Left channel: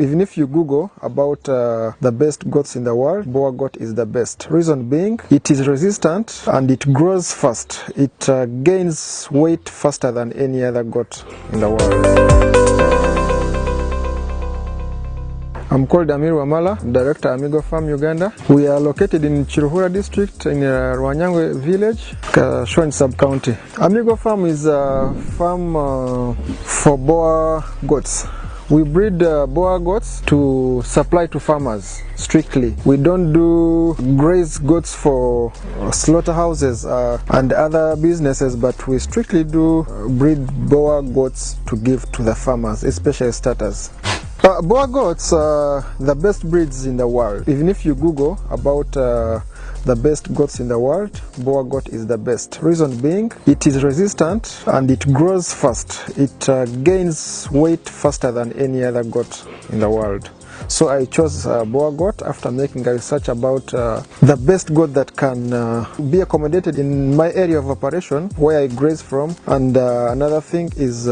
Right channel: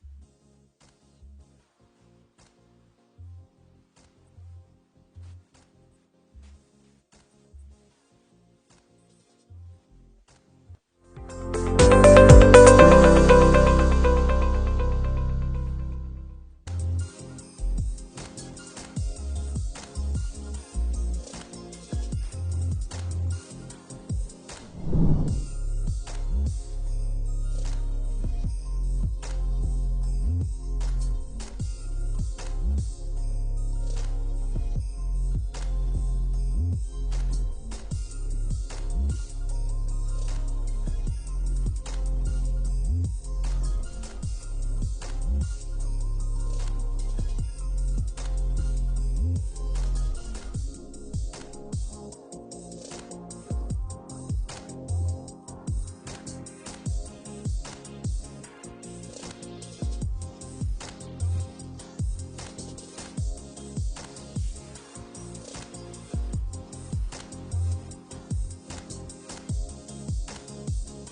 Even if you Google about the best goats in the world, Boar goat is the best. Reason being, it is resistant and it grows fast. It gains weight faster than any other goat in the world. I'm called Amigo, Director Amigo Farm Uganda. We are located in Chiruhura district in Rwanyangwe village, Shwen sub-county. Amigo Farm is a farm for Boar goats. We breed Boar goats to supply to farmers strictly. We don't do graze goats for slaughterhouses and other businesses, but we strictly do breed Boar goats to give to the farmers, especially starters. Boar goats are the best breeds in the world. Even if you Google about the best goats in the world, Boar goat is the best. Reason being, it is resistant and it grows fast. It gains weight faster than any other goat in the world. So I chose Boar goat after making a research about the best goat that can be accommodated in my area of operation where I graze from. And another thing is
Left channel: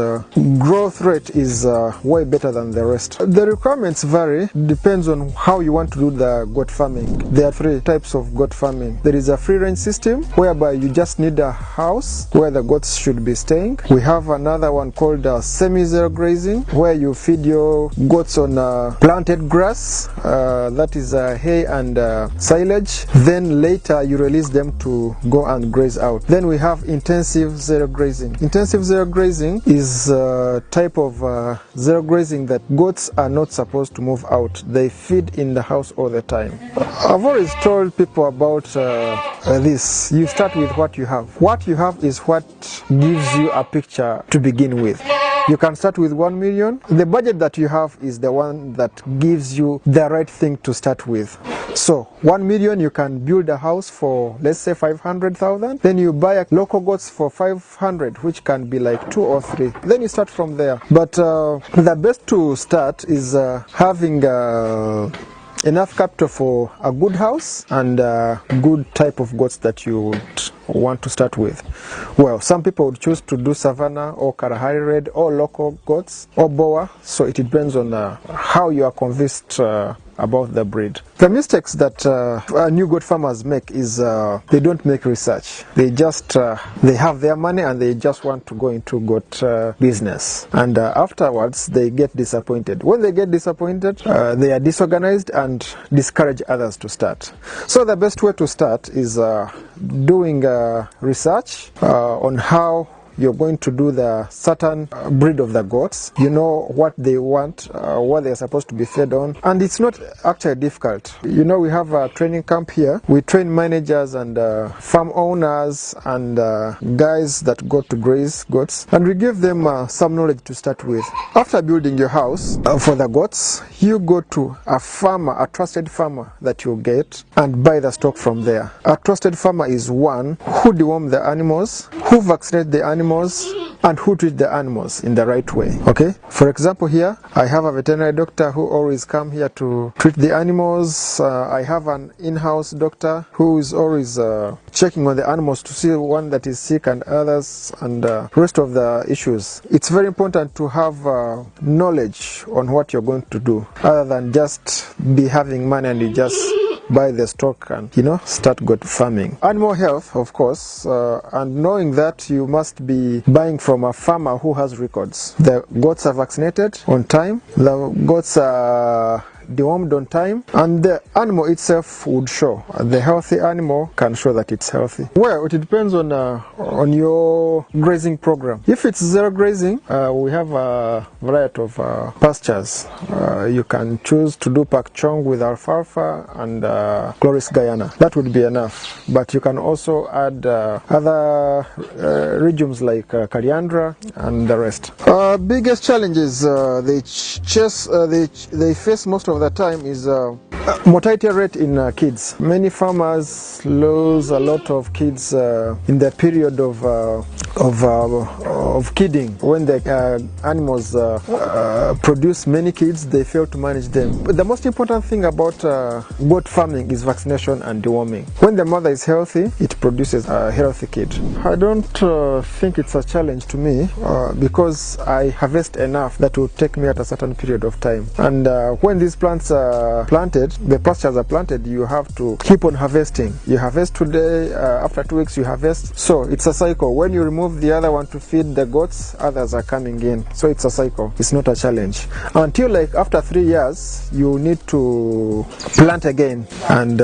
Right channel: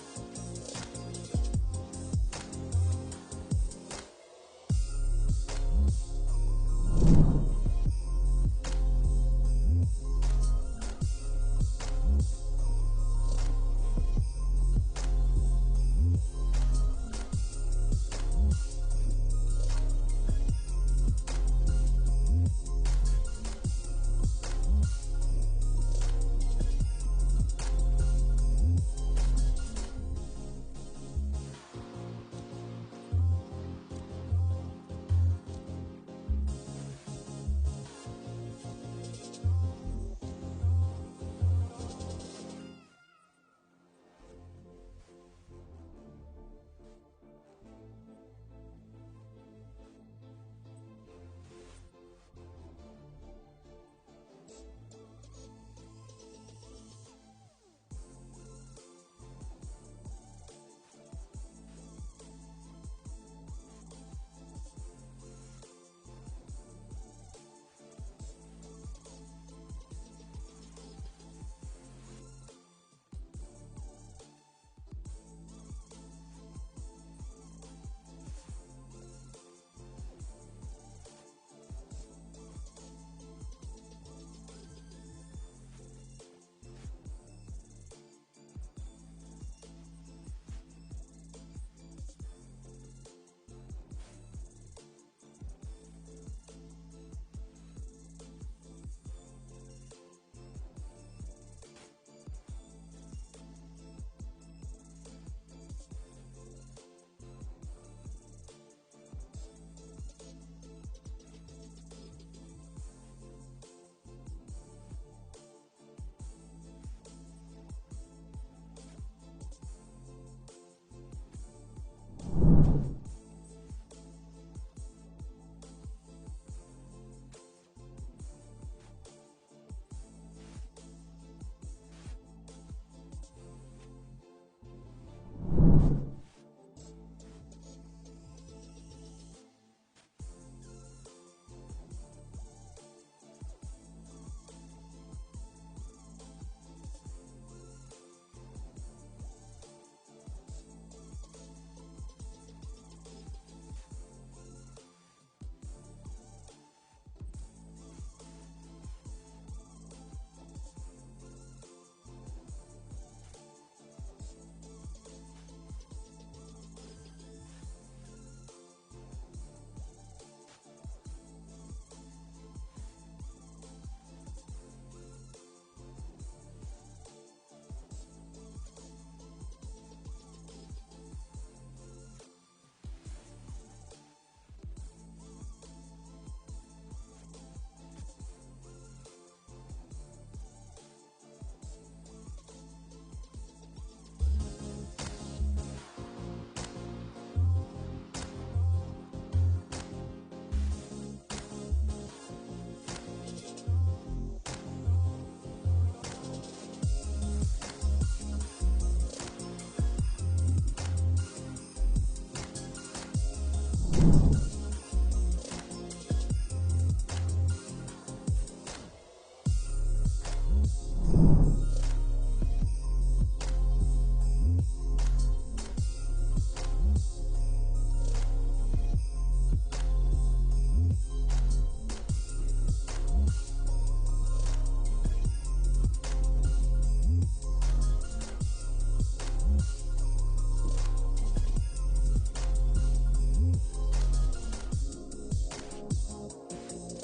growth rate is way better than the rest. The requirements vary, depends on how you want to do the goat farming. There are three types of goat farming. There is a free range system whereby you just need a house where the goats should be staying. We have another one called semi-zero grazing where you feed your goats on planted grass, that is hay and silage. Then later you release them to go and graze out. Then we have intensive zero grazing. Intensive zero grazing is a type of zero grazing that goats are not supposed to move out. They feed in the house all the time. I've always told people about this. You start with what you have. What you have is what gives you a picture to begin with. You can start with 1 million. The budget that you have is the one that gives you the right thing to start with. So 1 million, you can build a house for, let's say, 500,000. Then you buy local goats for 500, which can be like 2 or 3. Then you start from there. But the best to start is having enough capital for a good house and a good type of goats that you would want to start with. Well, some people would choose to do Savannah or Kalahari Red or local goats or Boar, so it depends on how you are convinced about the breed. The mistakes that new goat farmers make is they don't make research. They just they have their money and they just want to go into goat business, and afterwards they get disappointed. When they get disappointed, they are disorganized and discourage others to start. So the best way to start is doing research on how you're going to do the certain breed of the goats. You know what they want, what they're supposed to be fed on, and it's not actually difficult. You know, we have a training camp here. We train managers and farm owners and guys that go to graze goats, and we give them some knowledge to start with. After building your house for the goats, you go to a farmer, a trusted farmer that you get, and buy the stock from there. A trusted farmer is one who deworm the animals, who vaccinate the animals, and who treat the animals in the right way. Okay, for example, here I have a veterinary doctor who always come here to treat the animals. I have an in-house doctor who is always checking on the animals to see one that is sick and others and rest of the issues. It's very important to have knowledge on what you're going to do, other than just be having money and you just buy the stock and, you know, start goat farming. Animal health, of course, and knowing that you must be buying from a farmer who has records. The goats are vaccinated on time, the goats are dewormed on time, and the animal itself would show. The healthy animal can show that it's healthy. Well, it depends on your grazing program. If it's zero grazing, we have a variety of pastures. You can choose to do pak chong with alfalfa and Chloris Guyana. That would be enough. But you can also add other regions like Coriandra and the rest. Biggest challenges they face most of the time is mortality rate in kids. Many farmers lose a lot of kids in the period of of kidding. When the animals produce many kids, they fail to manage them. But the most important thing about goat farming is vaccination and deworming. When the mother is healthy, it produces a healthy kid. I don't think it's a challenge to me because I harvest enough that will take me at a certain period of time. And when these plants are planted, the pastures are planted, you have to keep on harvesting. You harvest today, after 2 weeks you harvest. So it's a cycle. When you remove the other one to feed the goats, others are coming in. So it's a cycle. It's not a challenge. Until like after 3 years, you need to plant again. And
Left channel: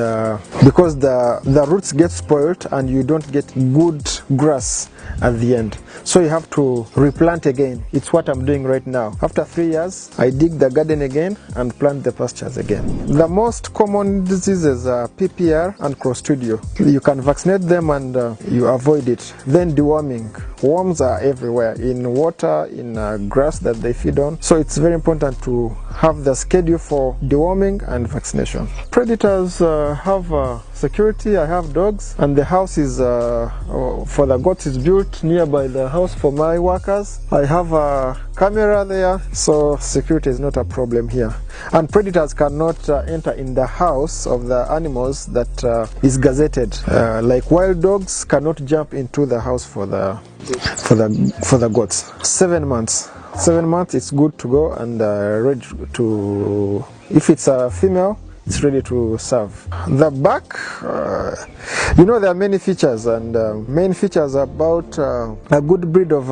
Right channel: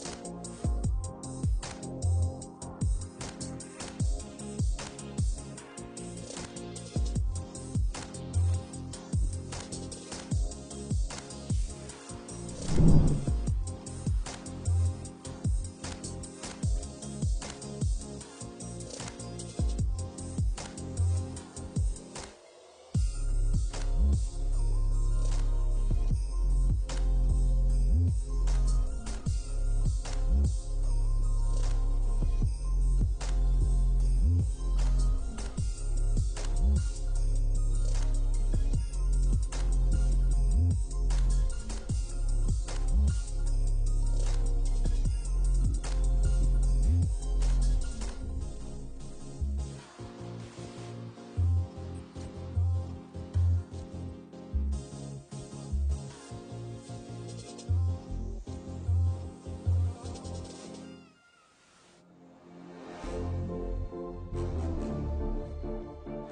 because the roots get spoiled and you don't get good grass at the end. So you have to replant again. It's what I'm doing right now. After 3 years, I dig the garden again and plant the pastures again. The most common diseases are PPR and Clostridium. You can vaccinate them and you avoid it. Then deworming. Worms are everywhere, in water, in grass that they feed on. So it's very important to have the schedule for deworming and vaccination. Predators have security. I have dogs, and the house is for the goats is built nearby the house for my workers. I have a camera there, so security is not a problem here. And predators cannot enter in the house of the animals that is gazetted. Like wild dogs cannot jump into the house for the goats. 7 months. 7 months, it's good to go and ready to. If it's a female, it's ready to serve. The back, there are many features, and main features about a good breed of,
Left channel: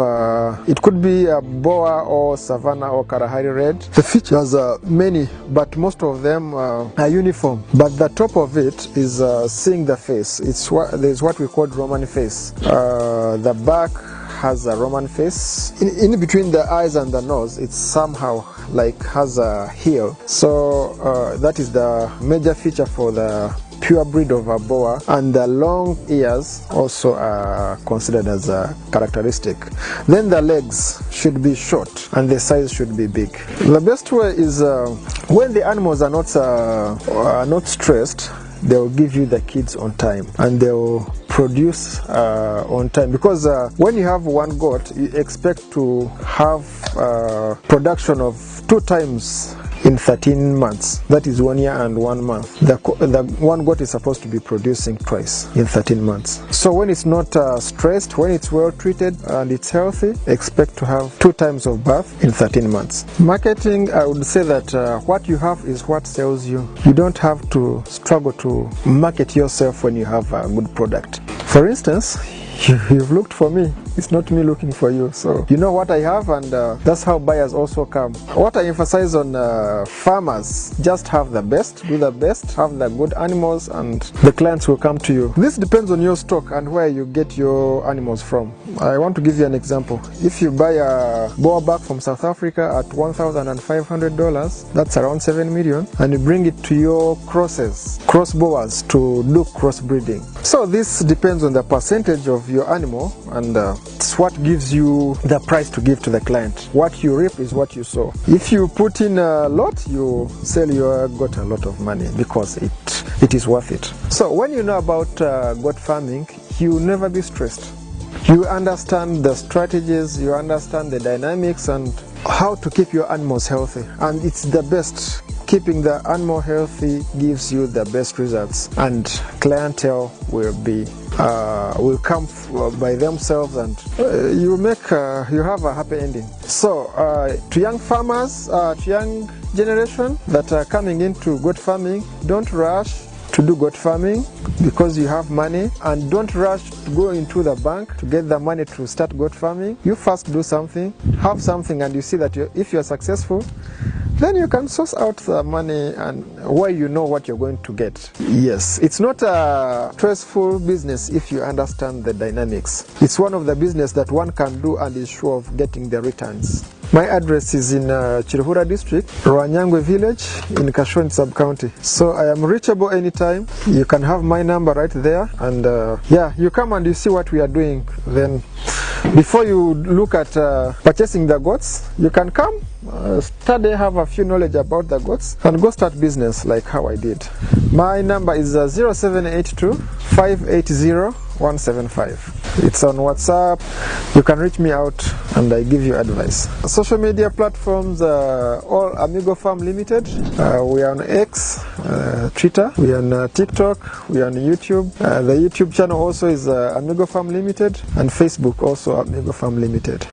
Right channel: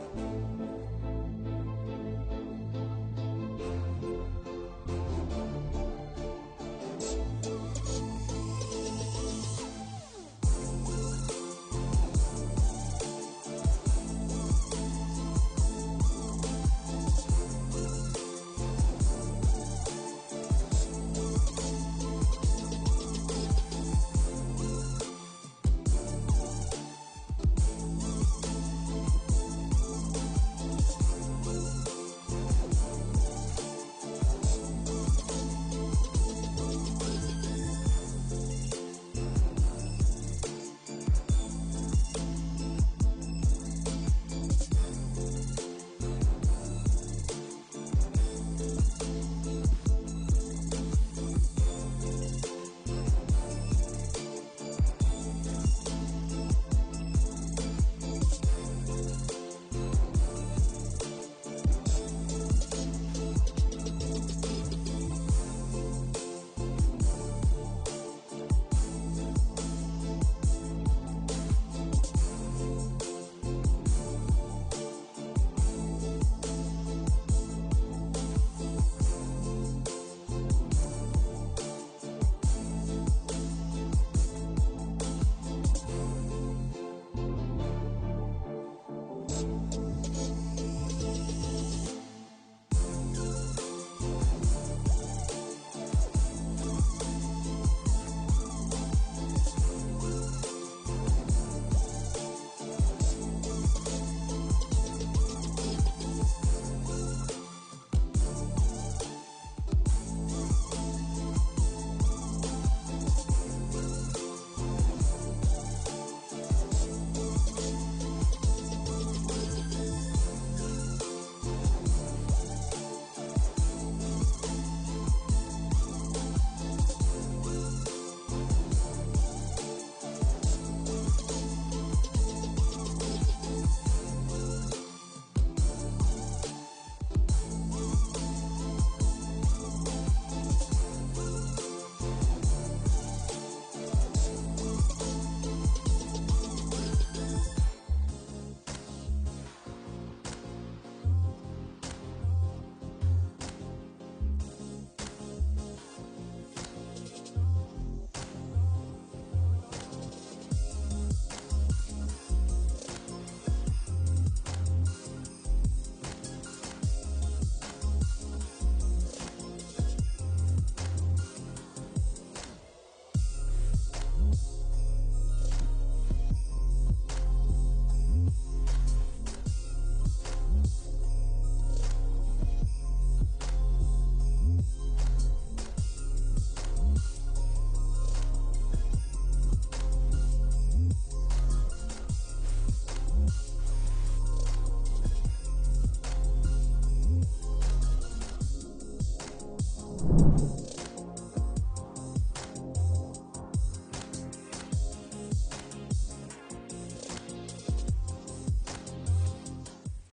it could be a Boar or Savannah or Kalahari Red. The features are many, but most of them are uniform. But the top of it is seeing the face. There's what we call Roman face. The back has a Roman face. In between the eyes and the nose, it's somehow like has a heel. So that is the major feature for the pure breed of a Boar, and the long ears also are considered as a characteristic. Then the legs should be short and the size should be big. The best way is when the animals are not stressed, they'll give you the kids on time and they'll produce on time, because when you have one goat, you expect to have production of 2 times in 13 months. That is 1 year and 1 month. The one goat is supposed to be producing twice in 13 months. So when it's not stressed, when it's well treated and it's healthy, expect to have 2 times of birth in 13 months. Marketing, I would say that what you have is what sells you. You don't have to struggle to market yourself when you have a good product. For instance, you've looked for me. It's not me looking for you. So you know what I have, and that's how buyers also come. What I emphasize on farmers, just have the best, do the best, have the good animals, and the clients will come to you. This depends on your stock and where you get your animals from. I want to give you an example. If you buy a Boar back from South Africa at $1,500, that's around 7 million, and you bring it to your cross Boars to do crossbreeding. So this depends on the percentage of your animal, and it's what gives you the price to give to the client. What you reap is what you sow. If you put in a lot, you sell, you got a lot of money because it is worth it. So when you know about goat farming, you will never be stressed. You understand the strategies, you understand the dynamics and how to keep your animals healthy. And it's the best. Keeping the animal healthy gives you the best results, and clientele will come by themselves, and you have a happy ending. So to young farmers, to young generation that are coming into goat farming, don't rush to do goat farming because you have money, and don't rush to go into the bank to get the money to start goat farming. You first do something, have something, and you see that if you're successful, then you can source out the money and where you know what you're going to get. Yes, it's not a stressful business if you understand the dynamics. It's one of the business that one can do and is sure of getting the returns. My address is in Chiruhura district, Rwanyangwe village in Kashwani sub-county. So I am reachable anytime. You can have my number right there, and you come and you see what we are doing. Then before you look at purchasing the goats, you can come, study, have a few knowledge about the goats, and go start business like how I did. My number is 0782 580 175. It's on WhatsApp. You can reach me out and I give you advice. Social media platforms are all Amigo Farm Limited. We are on X, Twitter, we are on TikTok, we are on YouTube. The YouTube channel also is Amigo Farm Limited, and Facebook also Amigo Farm Limited.